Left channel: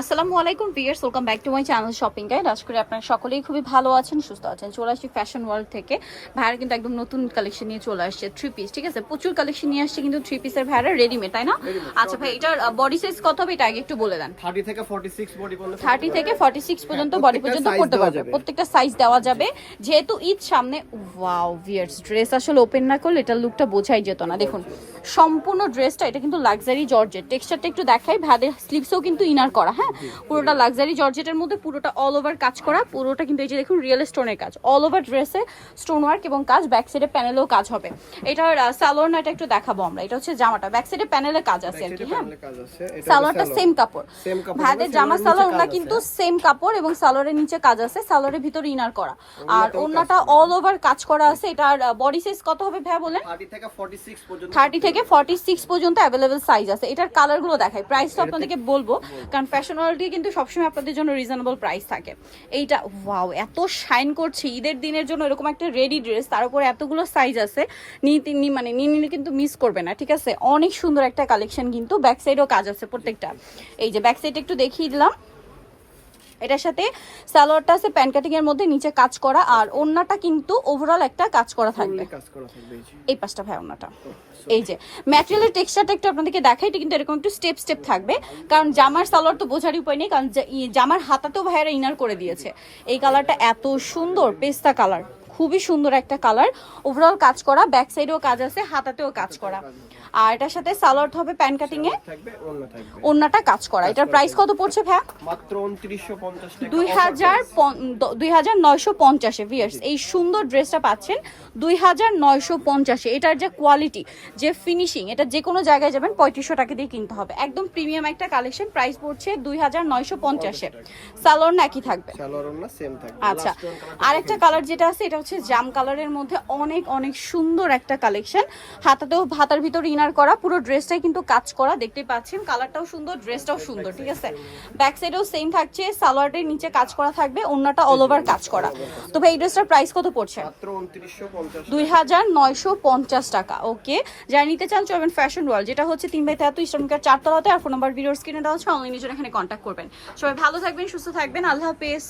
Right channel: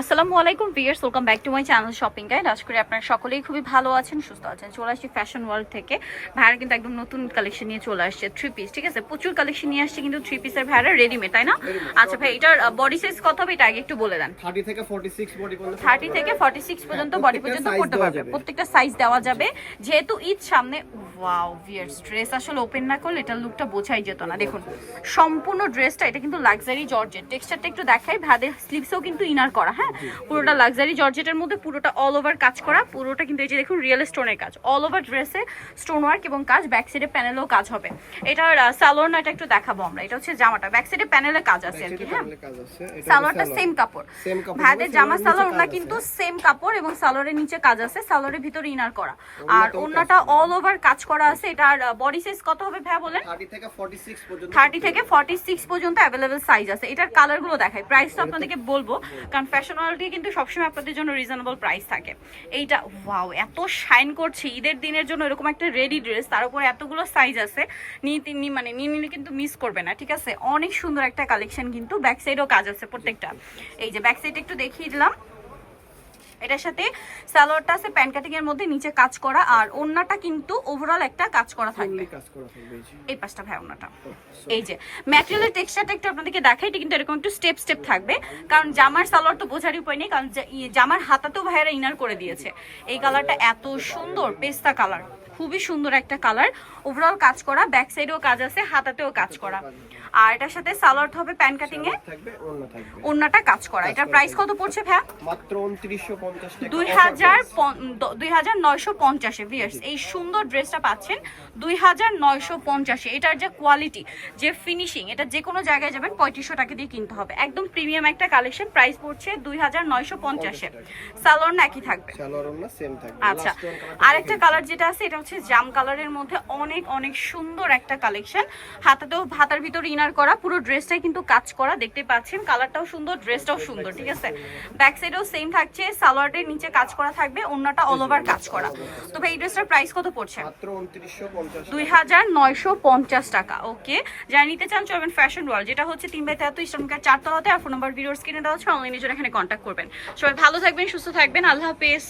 আসসালামু আলাইকুম viewers, welcome back to my channel shopping guide. আশা করি আপনারা সকলেই খুবই ভালো আছেন, সুস্থ আছেন। চলে আসছি ফ্যাশন ওয়ার্ল্ড থেকে। ভাইয়ারা কিন্তু একদম নতুন কালেকশন নিয়ে চলে আসছে, থ্রি পিস। ঠিক আছে, প্রচুর কালেকশন নিয়ে আসছে কিন্তু থ্রি পিসের ভাইয়ারা রেডিমেড, তাই না? আচ্ছা ভাই, এটার বডি সাইজ কত হবে এটা আগে একটু বলে দেন। 30 থেকে 46 বডি পর্যন্ত 30 থেকে 46 পর্যন্ত বডি পর্যন্ত করতে পারবে, প্রত্যেকটা সাইজ দেওয়া যাবে। যেহেতু ঈদ সামনে, ওয়াও ভিউয়ার্স, ড্রেস আসলে ওপেন না করলে এটার লুকটা বোঝাই যেত না। দেখুন সম্পূর্ণ ড্রেসটা, এটা কিন্তু লাক্সারি জর্জেট। টেক্সচারটা একটু দেখাই, ভাদের স্লিভসও কিন্তু ইনার করা, হ্যাঁ পুরোটা লাক্সারি জর্জেটের মধ্যে, পুরোটা অল ওভার কাজ করা, পুরোটা কিন্তু এই যে দেখুন রিয়েল স্টোনের কাজ, অল ওভার ড্রেসে স্টোন ওয়ার্ক এবং কাজ, ব্যাক সাইডে প্যানেলেও কাজ হবে। এটার সালোয়ারটা একটু দেখাবো আমরা। এটা হচ্ছে জামাটা, ব্যাক সাইডে প্যানেলে কাজ আছে আর কি, হ্যাঁ সালোয়ারটা সেম কাপড়। ভাইদের জামা সালোয়ারটা কিন্তু সেম কাপড় এবং সালোয়ারের নিচে কাজ আছে, সালোয়ারের ভিতরে ইনার করা, আর ওন্নাটা অল ওভার কাজ করা আছে। এটার বডি সাইজ কত হবে ভাই বলেন? 30 থেকে 46 পর্যন্ত 30 থেকে 46 পর্যন্ত অ্যাভেলেবেল সাইজ আছে। এটার কালারগুলো দেখাই, প্রাইসটা আপনাদেরকে বলবো কারণ ফ্যাশন ওয়ার্ল্ডে কিন্তু সবসময় আপনাদের জন্য রিজনেবল প্রাইস থাকে। এইটা ওয়াও, এত শাইন করছে ঈদের দিনের জন্য, এরকম একটা রেডি ড্রেস, তার উপরে এতগুলো সাইজ আছে, নিয়ে নিলে কিন্তু মিস করবে না। ঠিক আছে, অনেক সুন্দর একটা কালেকশন, কিন্তু ব্যাক সাইডেও কাজ আছে প্রত্যেকটা। এই যে ব্যাক সাইড একটু দেখিয়ে দিলাম। এটার সাথে সালোয়ারটা আছে প্যান্ট কাটিং এর মধ্যে, নিচে কাজ করা, আর ওন্নাটা কিন্তু ওভারঅল একটা কাজ করা থাকবে। এই পাঁচটা ভাই ওন্নাটা। এই যে ম্যাটেরিয়ালের টেক্সচারটা একটু আপনাদেরকে দেখাই, এটা কিন্তু এরকম একটু স্টেপ স্টেপ থাকবে, কারণ জামার সালোয়ার তো বোঝারই উপায় নেই, কারণ জামার হাতাতেও ভাইয়ারা ইনার করে দিয়েছে। এই কালারটা এত সুন্দর, পেস্তা কালার, খুবই সুন্দর একটা কালার। ওভারঅল কাজ করা, ব্যাক সাইডেও কাজ আছে, হাতাতেও কাজ করা, আর এটার সাথে সালোয়ার হবে প্যান্ট কাটিং এ, ওন্নাটা কাজ করা। এটার প্রাইস কত পড়ছে ভাই? মাত্র 2950 টাকা, 2950 এ। ভিউয়ার্স, এই সুন্দর ড্রেসটা পাচ্ছেন 2950 এ। এটার যে কোয়ালিটি, যে ফিনিশিং, এটা যে কোনো জায়গায় যাবেন 3500 টাকা দিয়ে কিনতে হবে। একদম প্রিমিয়াম একটা কালেকশন, প্রাইস পড়ছে 2950 এ। সালোয়ার না একই থাকবে? সালোয়ার ওন্না সেম থাকবে। আচ্ছা, আরেকটা কালার যেটা আছে এটা হচ্ছে জাম কালারের মধ্যে, অনেক অনেক সুন্দর একটা কালেকশন। হাতার ভিতর ইনার করা, পুরো ড্রেসটাই কিন্তু কাজ করা, দেখতে পাচ্ছেন। কালারটাও সুন্দর, ড্রেসটাও সুন্দর। ঠিক আছে, ব্যাক সাইডেও সেম থাকছে, সালোয়ারের নিচে কাজ করা থাকবে, ওন্নাটা অল ওভার কাজ করা। তো ভাই এই ড্রেসটার প্রাইস কত পড়ছে? মাত্র 2950, 2950 টাকা। ওকে, যারা নিতে চান চলবেন ফ্যাশন ওয়ার্ল্ড, যেটা হচ্ছে 3/33 ইস্টার্নকার 4 তলাতে, আর ফোন নাম্বার ভিডিওর স্ক্রিনে দেওয়া হচ্ছে, অনলাইনে জন্য এখানে কন্ট্যাক্ট করবেন। সবাই ভালো থাকবেন, সুস্থ থাকবেন, আল্লাহ হাফেজ।